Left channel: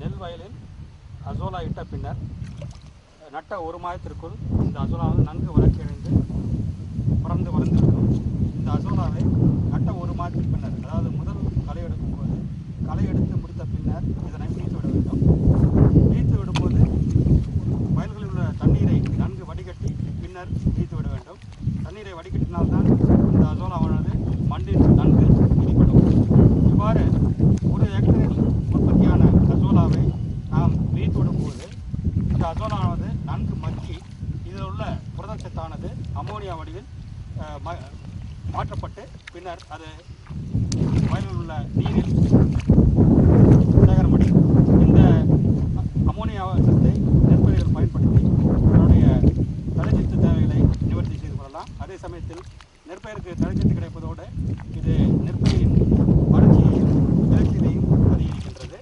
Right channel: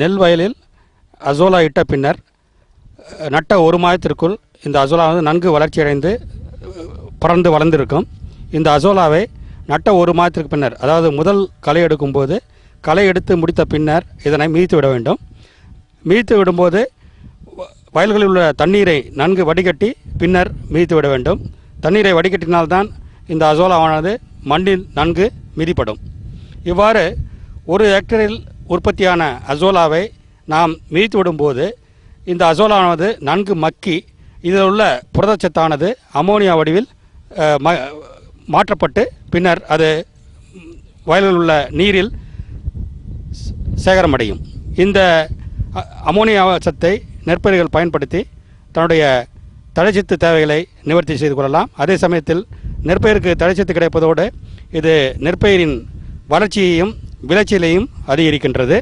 நெல் வயலில் அசோலா இட்ட பின்னர் நட்ட ஒரு மாதத்திற்குள் இந்த அசோலா நன்கு வளர்ச்சியடைந்து பறந்து வளர்ந்திருக்கும். இந்த அசோலாவை நட்ட ஒரு மாதத்திற்கு பின்னர், அதாவது முதல் களை எடுக்கும்போது களை எடுத்து முடித்த பின்னர் இதனை மிதித்து விட வேண்டும். மிதித்து விடும்போது வயல்களில் உள்ள தண்ணீரை நன்கு வடிகட்டி பின்னர் மிதித்து விட வேண்டும். தண்ணீரை வடிகட்டினால்தான் இந்த அசோலாவானது மண்ணில் நன்கு மிதிப்படும். இவ்வாறு ஒரு ஹெக்டரில் உற்பத்தியான அசோலாவை நாம் மிதித்து விடும்போது இந்த அசோலாவானது நன்கு மக்கி இதில் உள்ள புரதச்சத்தானது அமோனியா வடிவில் மாற்றப்பட்டு பின்னர் அது வயலில் உள்ள நீரில் சேகரமடையும். இந்த அமோனியா சத்தை நெற்பயிர்கள் பயன்படுத்தி தன்னுடைய தழைச்சத்து தேவைகளை நிவர்த்தி செய்து கொள்ளலாம். அதே சமயத்தில் நெற்பயிருக்கு தழைச்சத்து கிடைப்பதோடு இது நெற்பயிரின் வளர்ச்சியையும் விளைச்சலையும் அதிகரிக்கின்றது.